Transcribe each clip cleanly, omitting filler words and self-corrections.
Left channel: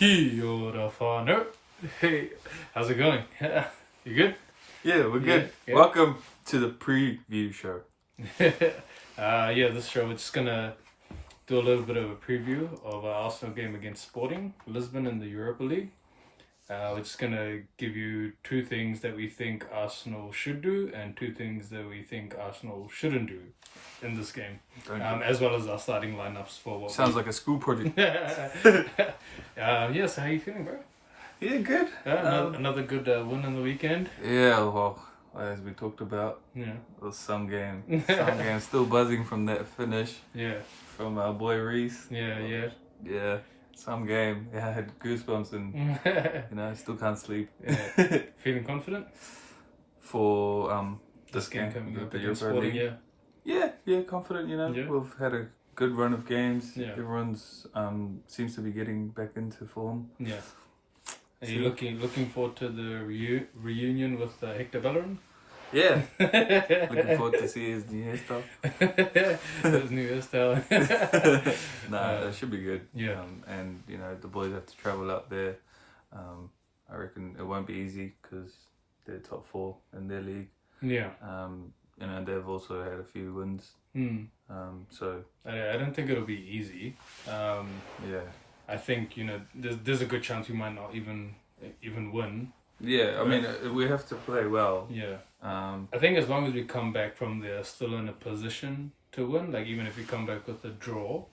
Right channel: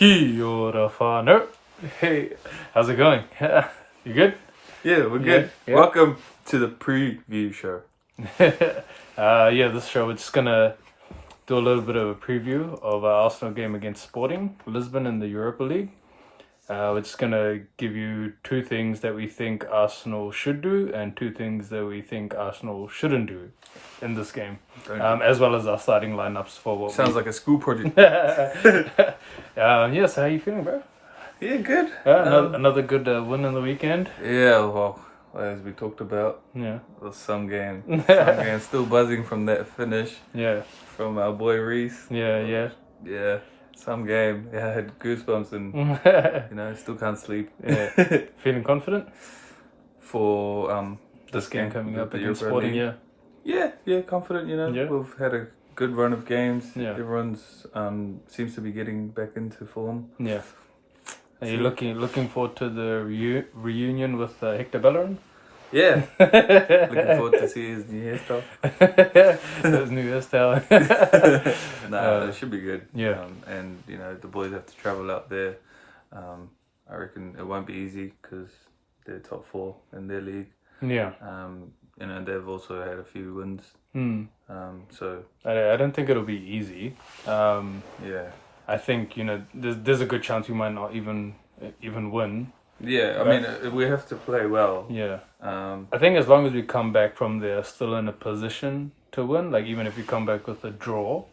Kia ora whānau. Hey, how's it going? You good? Yeah, we're good. Yeah. Welcome to the preview show. This show we're just gonna do a little bit of a preview of our Arsenal game against Sporting Lisbon in the Europa League. We're just gonna give you two things that we think Arsenal should do and two things that we think Arsenal shouldn't do in this game, as well as our starting lineups for what Sounds like a school project. So how you feeling, bro? Yeah, good. Another good win on the weekend. Yeah, well, as we talked about, Yeah. it was some game. Still buzzing from that finish Yeah. from our boy Reese. Yeah. Yeah, some game. Yeah, I had goosebumps and, I still can't sleep. Yeah. Feeling confident? For this game coming the up against Sporting, League. Yeah, confident, Yeah. We've had a good run of games. Yeah. Everyone's seems to be getting back into form. Yeah. Are you looking forward to the reunion with Hector Bellerin? Yeah. Looking forward to see his new hairstyle. His new hairstyle. It should be good. Yeah. And the boys have to travel out there. I reckon it won't be easy because they're top 4 in their league. Yeah. And they've also had a few wins. So I don't think it'll be easy. yeah. I think there's a good chance we might not even win. Yeah, I mean we have to play well. Yeah. I I think as long as we come back from there still in a position to win, like even if we come back with a draw,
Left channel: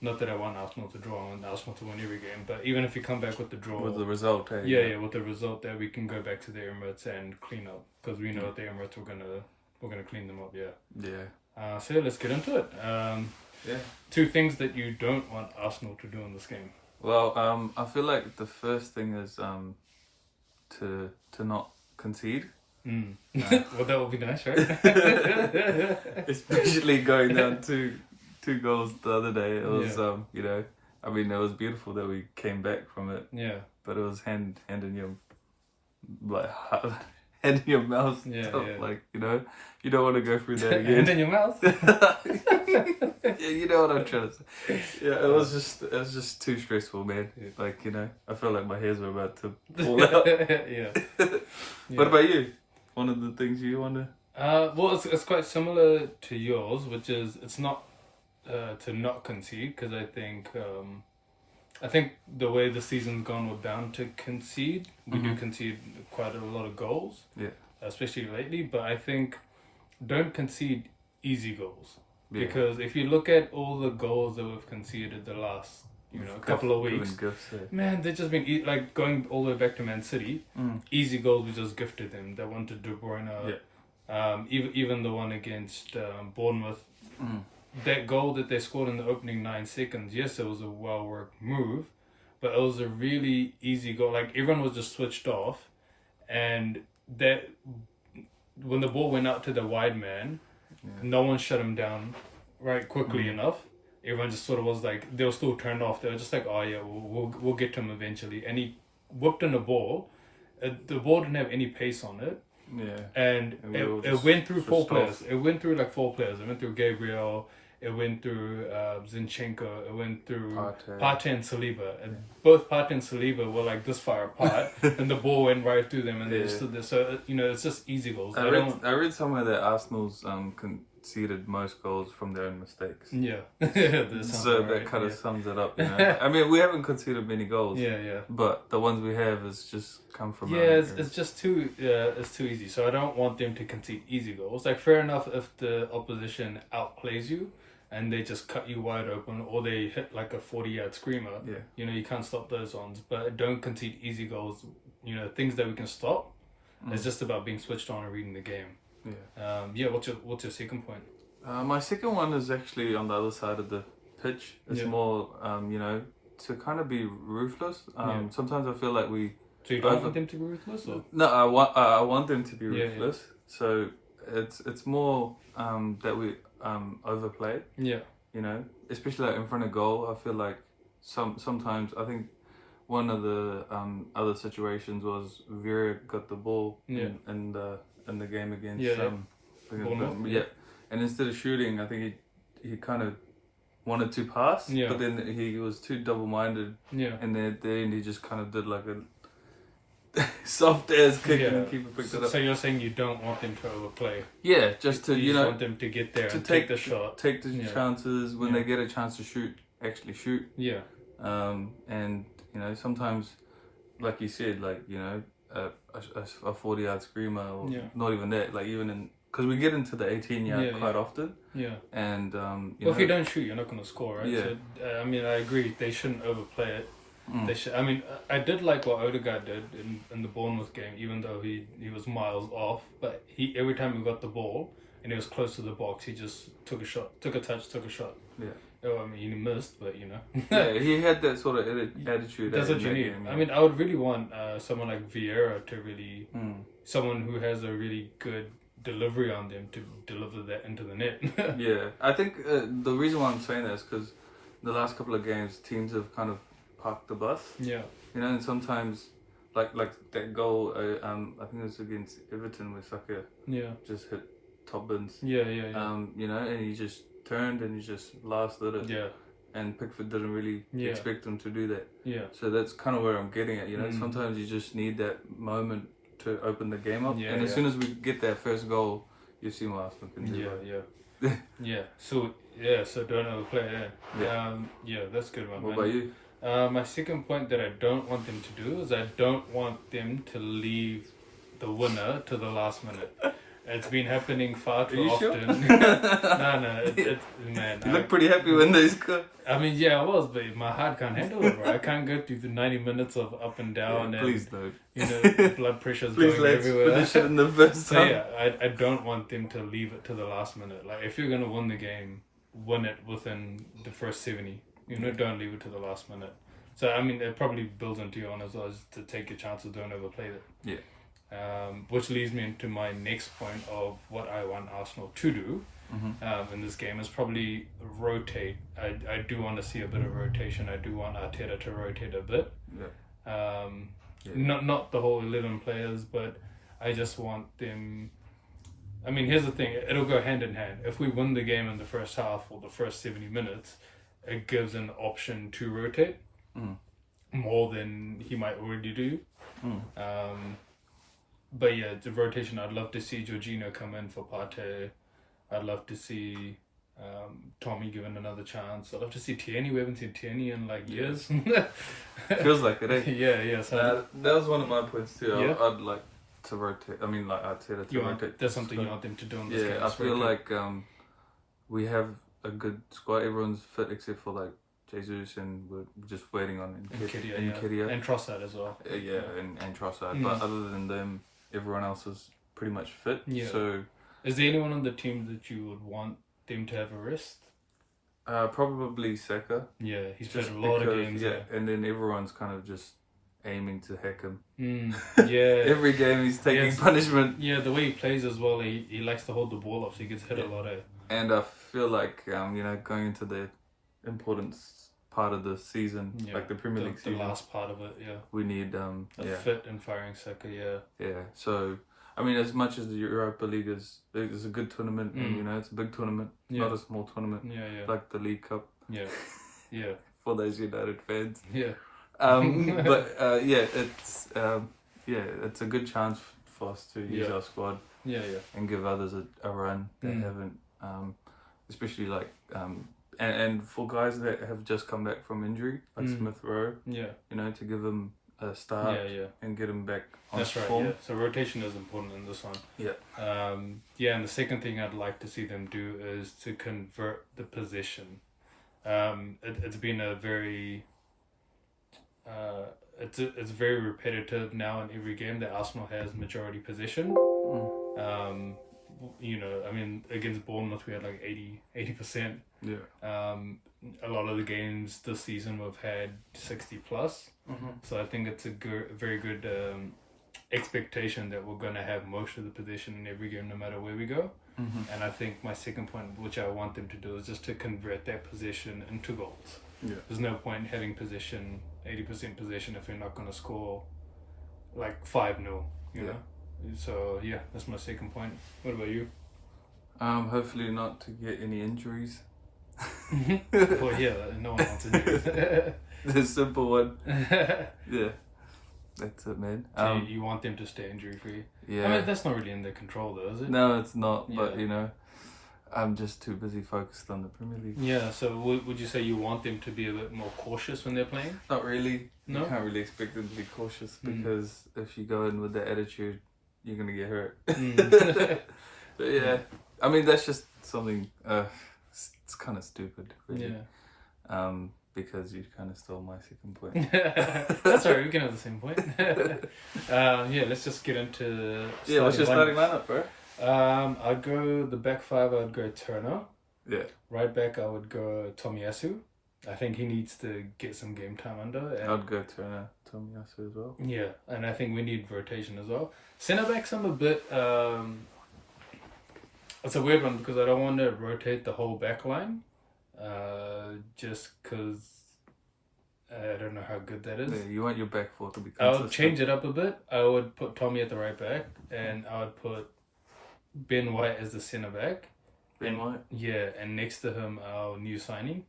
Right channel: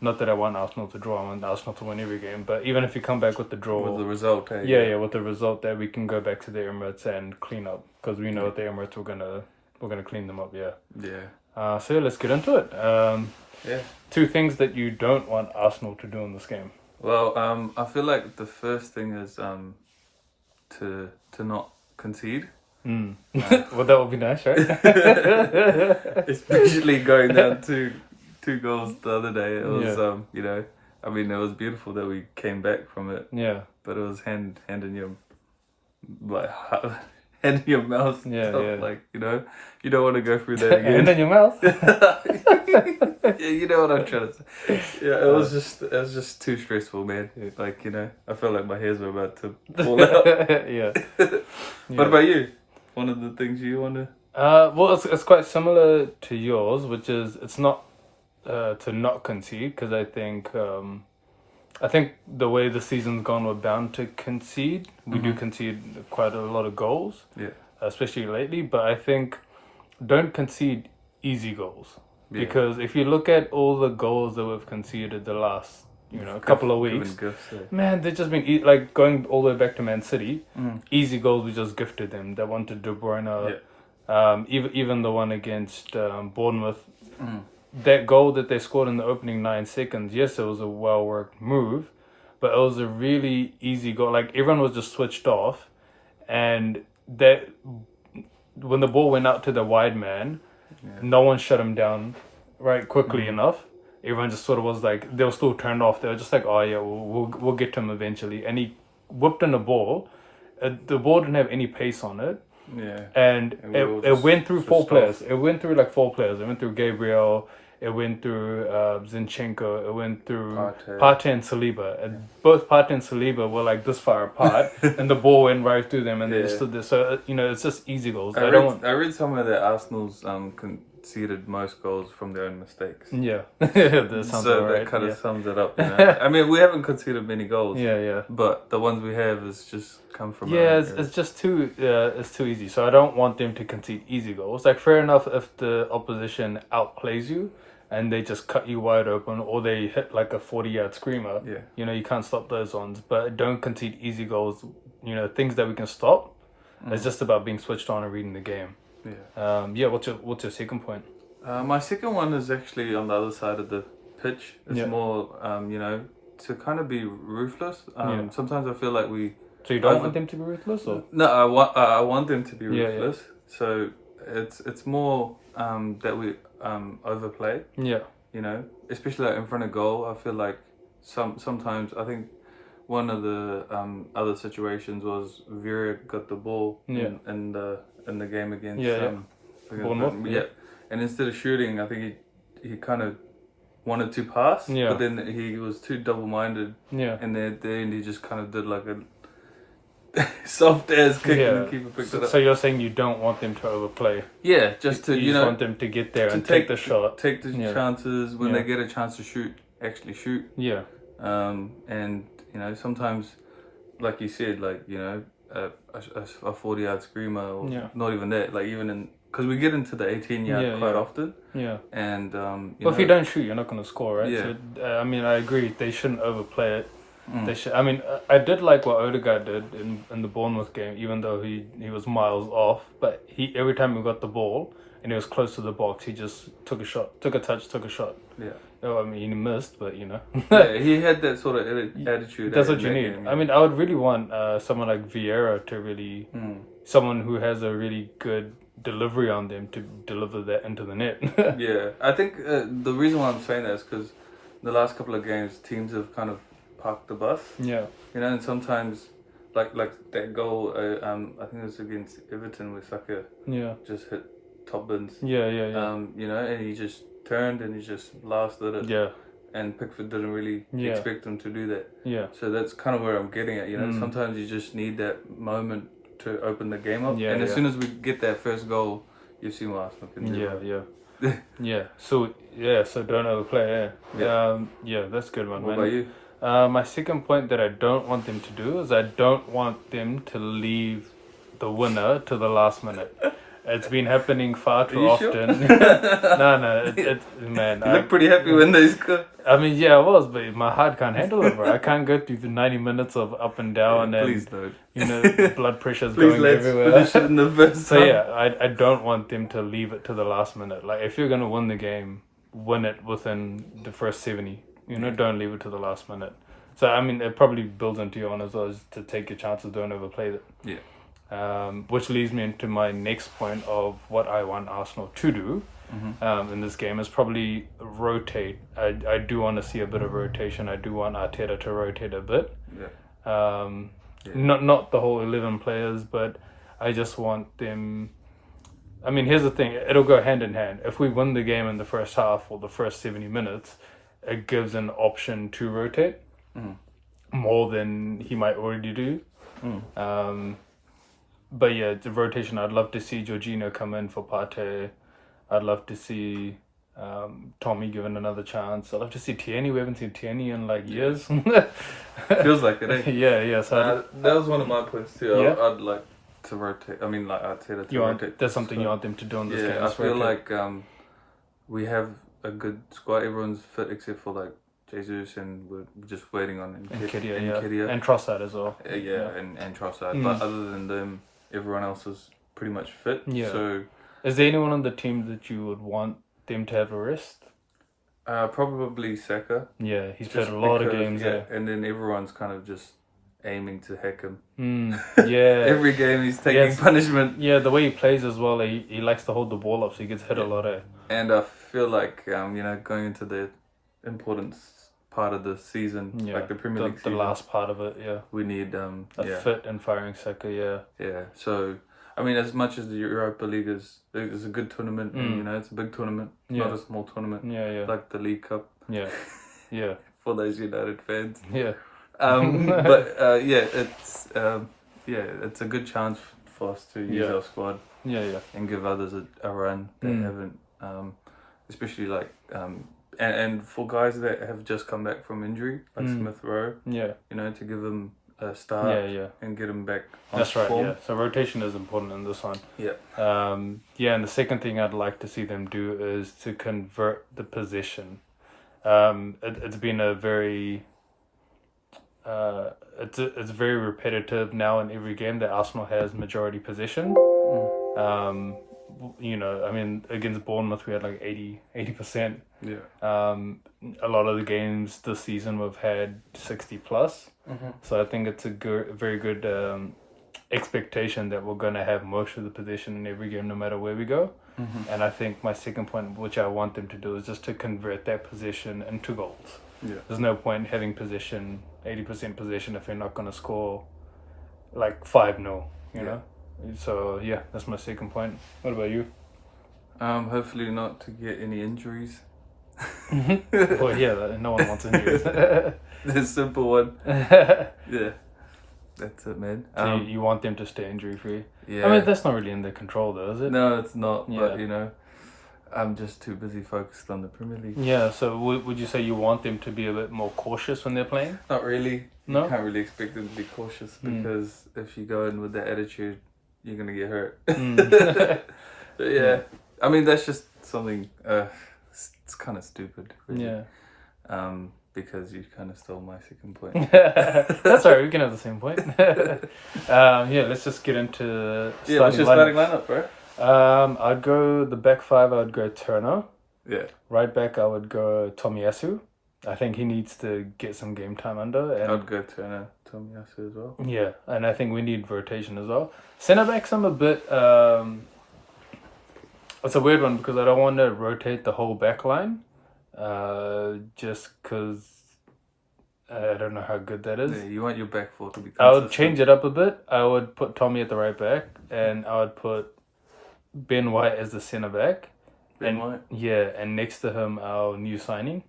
not that I want Arsenal to draw, I want Arsenal to win every game, but even if we come back with the draw, with the result, hey, yeah, with the result that we can go back to the Emirates and clean up, because we know at the Emirates we're gonna clean them up. Yeah. So let's get into it. Yeah. Two things that you don't want Arsenal to do in this game. Well, I feel like the first thing is to not concede. Well, that would be nice, right? Especially going down two goals the other day. It was Yeah. it was beautiful that we came back from it, Yeah. but it was hand in your hand in your mouth. Yeah, stuff, yeah. Like you don't want to go through that And again. in your mouth. Yeah, you know what I'm trying to say. Yeah, it was just too stressful, man. Like I felt like my hairs were about to fall out. Yeah. What about you? One of the things you want to? Well, it's quite similar to yours, which is it's not to not concede, because I think the way the season's gone, we're bound to concede. We do concede quite a lot of goals, Yeah. especially lately. But I think don't concede easy goals, Yeah. because if you look at all the goals that we've conceded the last couple of weeks, man, they've just been like going all the way back to Man City. Easy goals we just gifted them. They wanted De Bruyne. Even the one against Bournemouth. That goal that they scored in the opening 9 seconds, yes, it was a well-worked move, but it was a really easy goal. Like, everyone was just switched off, and that when the ball went out to the wide man, no one shut him down quickly enough. Everyone just sort of was like, they were still turned off. They were just like, oh yeah, we'll get to him eventually. And he whipped in the ball. The ball didn't have any pace on it. Yeah. And it went through 4 players. It went through like 4 players. It went through Gabriel. It went through Zinchenko. It went through Partey and Saliba. And both Partey and Saliba were like this far apart, and the ball went right through them, and they stood there. So it's just easy goals. I read somewhere that Arsenal's conceded most goals from their own mistakes. Yeah. That kind of sums it up. I mean, we haven't conceded many goals. Yeah. But the ones we have is just come from. It's just too easy. So I don't want them to concede easy goals. Like, fair enough if the opposition outplays you and they just cut you wide open, or they hit like a 40-yard screamer. Yeah. You can't stop those ones. But don't concede easy goals. Things that we can stop. It's just about being switched on and reading the game. Yeah. What's your second point? My second one is actually on the other side of the pitch. It's more, to kind of be ruthless. Sometimes I feel like we. So you don't want them to be ruthless, or? No, I want them to be ruthless. Yeah. So it's more that we overplay. Yeah. Especially like in front of goal. I feel like sometimes I think one of the other situations was Vera got the ball in the game against Bournemouth. and instead of shooting, I think he kind of wanted to pass, Yeah. but then he was too double-minded. Yeah. And then at the end, he just kind of did like a soft ass kick and the keeper picked it up. So you're saying you don't want them to overplay? Yeah, just to, you just want them to get there and take the shot. Take the chances when they get a chance to shoot, actually shoot. Yeah. And, you know, sometimes, like you said, like, you know, a 40-yard screamer or not even that, like even in, because we get into the 18-yard quite often. Yeah. And, if you don't shoot, you're not going to score, right? Yeah. So, I mean, I agree. They shouldn't overplay it. They should. I mean, I did like what Odegaard did in the Bournemouth game, even though he was miles off. But every time he got the ball and he was close to the box, he just took a shot, took a touch, took a shot. Yeah. Oh, I mean, he missed, but you know. Yeah, he had that sort of attitude. That's what you need. Game, I mean, I would really want someone like Vieira to really, someone who has a really good delivery on them to deliver that into the net. Yeah, I think the reason why I'm saying that is because the last couple of games, teams have kind of parked the bus. Yeah. You know, and sometimes, like that goal, I think it was against Everton where Saka just hit top bins. Yeah. You know, and he just turned and he just blasted it. Yeah. And Pickford didn't really expect him to do that. Yeah. So that's kind of where I'm getting at. You know, sometimes you just need that moment to open the game up. And as soon as we get that first goal, you see what Arsenal can do. Yeah. Yeah. So don't overplay. Yeah, that's a good one. What about you? My second point that I don't want them to do is I don't want them to leave the winner to the last minute. It's been happening far too often. Sure? No, man. You look pretty happy when they score. I mean, yeah, I was, but my heart can't handle it, bro. I can't go through the 90 minutes of up and down and please don't. You know, blood pressure's going everywhere. Finish it in the first time. So yeah, I don't want them to leave it to the last minute. Like if you're gonna win the game, win it within the first 70. You know, don't leave it to the last minute. So I mean, it probably builds into your own as well, as to take your chances, don't overplay it. Yeah. Which leads me into my next point of what I want Arsenal to do in this game is probably rotate. I do want to see a bit of rotation. I do want Arteta to rotate a bit. Yeah. Not the whole 11 players, but I just want them. I mean, here's the thing. It'll go hand in hand. If we win the game in the first half or the first 70 minutes, it gives an option to rotate more than he might already do. But yeah, the rotation. I'd love to see Jorginho come in for Partey. I'd love to see Tommy given another chance. I'd love to see Tierney. We haven't seen Tierney in like years. Feels like it, eh? Yeah. So that was one of my points too. Yeah? I'd like to rotate. I mean, like Arteta to rotate. There's something you want them to do on this game. Yeah, I feel like we have a good squad. Everyone's fit except for like Jesus, and we're just waiting on Nketiah. And Trossard as well. And Trossard. But other than them, everyone else is pretty much fit. Yeah. So, is there anyone on the team that you would want them to have a rest? Probably Saka. Yeah, he's played a lot of games. Yeah, and then everyone's kind of just aiming to hack him. Yeah. Every game he's taking punishment. Yeah, the way he plays as well, he likes to hold the ball up, so he gets hit a lot. And I feel like going into the important part of the season, like the Premier League season, the last part of it, we need a fit and firing Saka. So I mean, as much as the Europa League is a good tournament, and it's a big tournament, not a small tournament, like the League Cup, for those United fans, but it's a good chance for us to use our squad, and give others a run that haven't, especially like and for guys that have just come back from injury, like Smith Rowe, to give them a start and get them back on form. Right. Yeah. So rotation is important in this one. And the second thing I'd like to see them do is to convert the possession. It's been a very it's very repetitive now in every game that Arsenal has majority possession. I mean, against Bournemouth we had like 80%. A lot of the games this season we've had 60 plus. So I think it's a very good expectation that we're going to have most of the possession in every game no matter where we go. And I think my second point, which I want them to do, is just to convert that possession into goals. There's no point having possession, 80% possession, if you're not going to score like 5-0, you know? So that's my second point. What about you? Hopefully not to get any injuries. Well, yeah, no one wants injuries. The simple one. Yeah. That's it, man. So you want them to stay injury-free? Yeah. I mean, that's not really in their control, though, is it? No, it's not. Yeah. But, you know, I'm just too busy focused on the Premier League. Yeah, so would you say you want them to be a bit more cautious when they're playing? Not really. No? You can't really expect them to be cautious because if you go in with that attitude, you're going to get hurt. But yeah, I mean, that's just something, it's kind of stupid. Really. Yeah. Because you kind of stole my second point. That's alright, we can have the same point. Yeah, let's just get into what's your starting lineup, bro? I'd go the back five. I'd go Turner. Yeah. Right back, I would go Tomiyasu. I think he needs to get some game time under. And I'd go Turner, Tomiyasu as well. Yeah, and I think we need rotation as well. Centre backs, I'm a bit. It's a weird one because I don't want to rotate the whole back line. Just because I don't know how good that is. Yeah, you want your back four to be consistent. I would change it up a bit. I would put Tommy at the right back, and I would put Ben White as the centre back. Ben White? Yeah, and next to him, our new signing,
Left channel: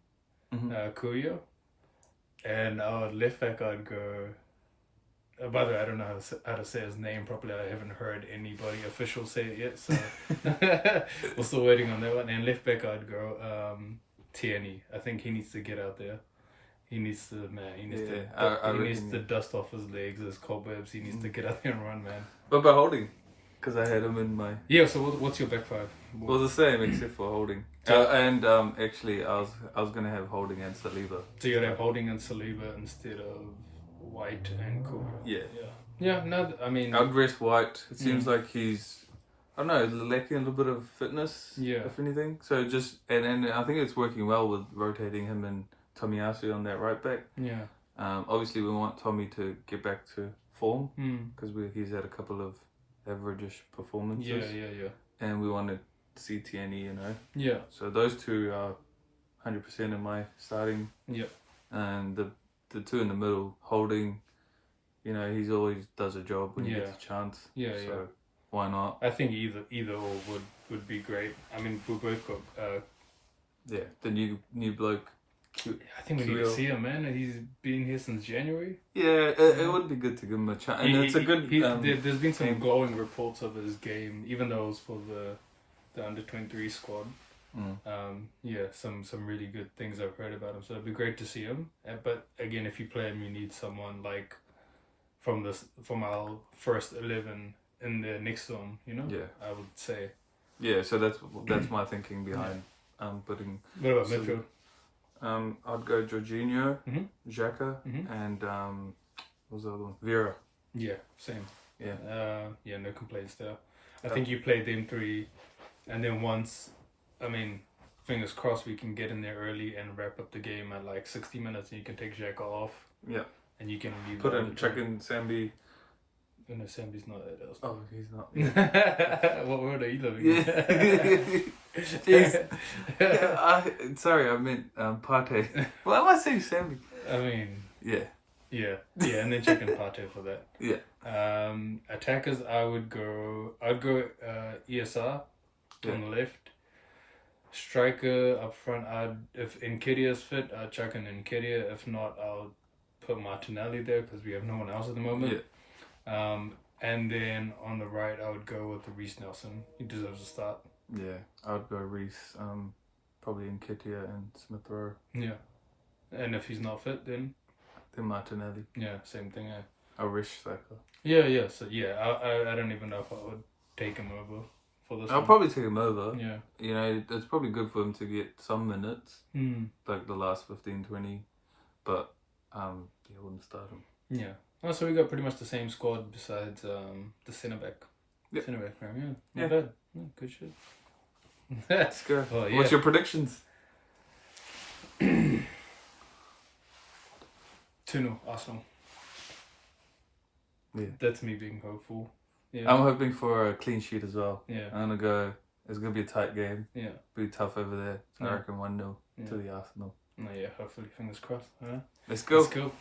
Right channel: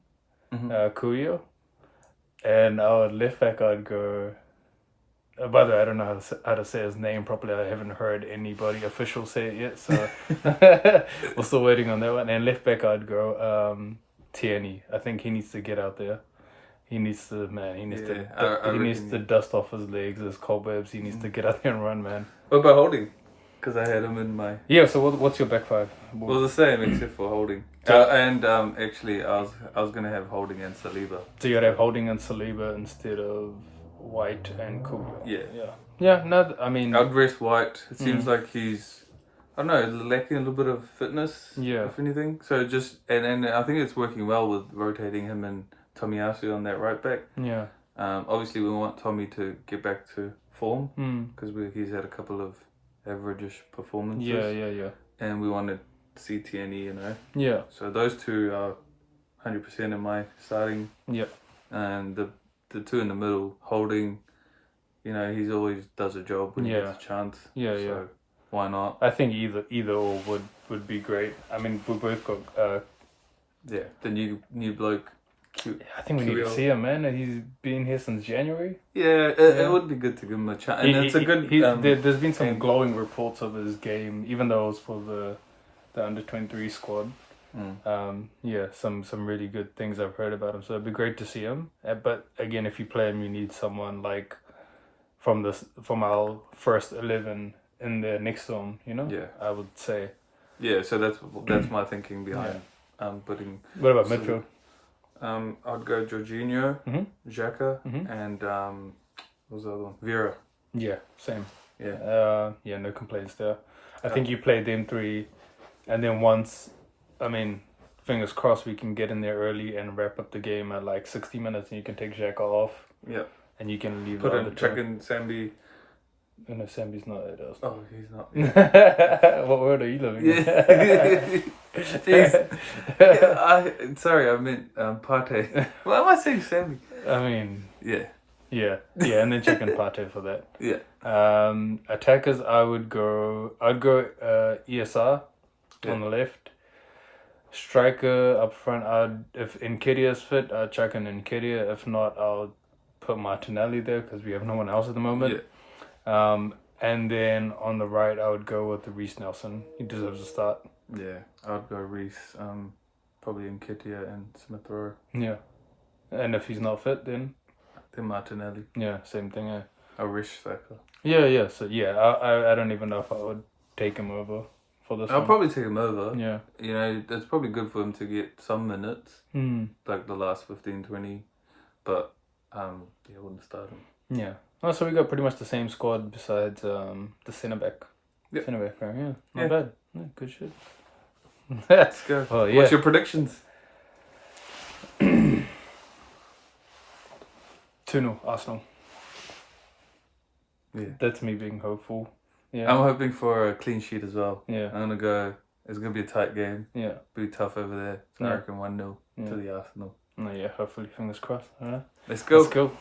Cuyo. And our left back, I'd go... by the way, I don't know how to say his name properly. I haven't heard anybody official say it yet, so we're still waiting on that one. And left back, I'd go Tierney. I think he needs to get out there. He needs to dust off his legs, his cobwebs. He needs to get out there and run, man. What about Holding? Because I had him in my... Yeah, so what's your back five? Well, the same except for Holding. Actually, I was going to have Holding and Saliba. So you'd have Holding and Saliba instead of White and Cool. Yeah. Yeah, no, I mean... I'd rest White. It seems like he's, I don't know, lacking a little bit of fitness, if anything. So just... And I think it's working well with rotating him and Tomiyasu on that right back. Yeah. Obviously, we want Tommy to get back to form because he's had a couple of average-ish performances. Yeah. And we want to see Tierney, you know. Yeah. So those two are 100% in my starting. Yeah. And the two in the middle, Holding, you know, he's always does a job when he gets a chance. Yeah. Why not? I think either or would be great. I mean, we both got... the new bloke. I think we need to see him, man. He's been here since January. Yeah, it would be good to give him a chance. And it's a good... there's been some glowing reports of his game, even though it was for the under-23 squad. Some really good things I've heard about him. So it'd be great to see him. But again, if you play him, you need someone like from our first 11 in there next to him, you know? Yeah. I would say. Yeah, so that's my thinking behind putting... What about midfield? I'd go Jorginho, Xhaka, and what was the other one? Vera. Yeah, same. Yeah. No complaints there. I think you play them three, and then once, I mean, fingers crossed we can get in there early and wrap up the game at like 60 minutes, and you can take Xhaka off. Yeah. And you can leave. Chuck in Sambi. No, Sambi's not there. Oh, he's not. Yeah. What world are you living in? Jeez. Sorry, I meant Partey. Why am I saying Sambi? I mean... Yeah, and then check in Partey for that. Yeah. Attackers, I'd go ESR on the left. Striker up front, if Nketiah's fit, I'd check in Nketiah. If not, I'll put Martinelli there because we have no one else at the moment. Yeah. And then on the right, I would go with the Reece Nelson. He deserves a start. Yeah, I would go Reece, probably Nketiah and Smith Rowe. Yeah. And if he's not fit, then Martinelli. Yeah, same thing, yeah. I wish Saka. Yeah, so I don't even know if I would take him over for this I'll probably take him over. Yeah. You know, it's probably good for him to get some minutes, like the last 15, 20, but I wouldn't start him. Yeah. Oh, so we got pretty much the same squad besides the centre back. Yep. Centre back, right? Yeah. Not bad. Yeah, good shit. Let's go. Oh, yeah. What's your predictions? 2-0 Arsenal. Yeah. That's me being hopeful. Yeah. I'm hoping for a clean sheet as well. Yeah. It's going to be a tight game. Yeah. Be tough over there. So I reckon 1-0 to the Arsenal. No, yeah, hopefully, fingers crossed. All right. Let's go. Let's go.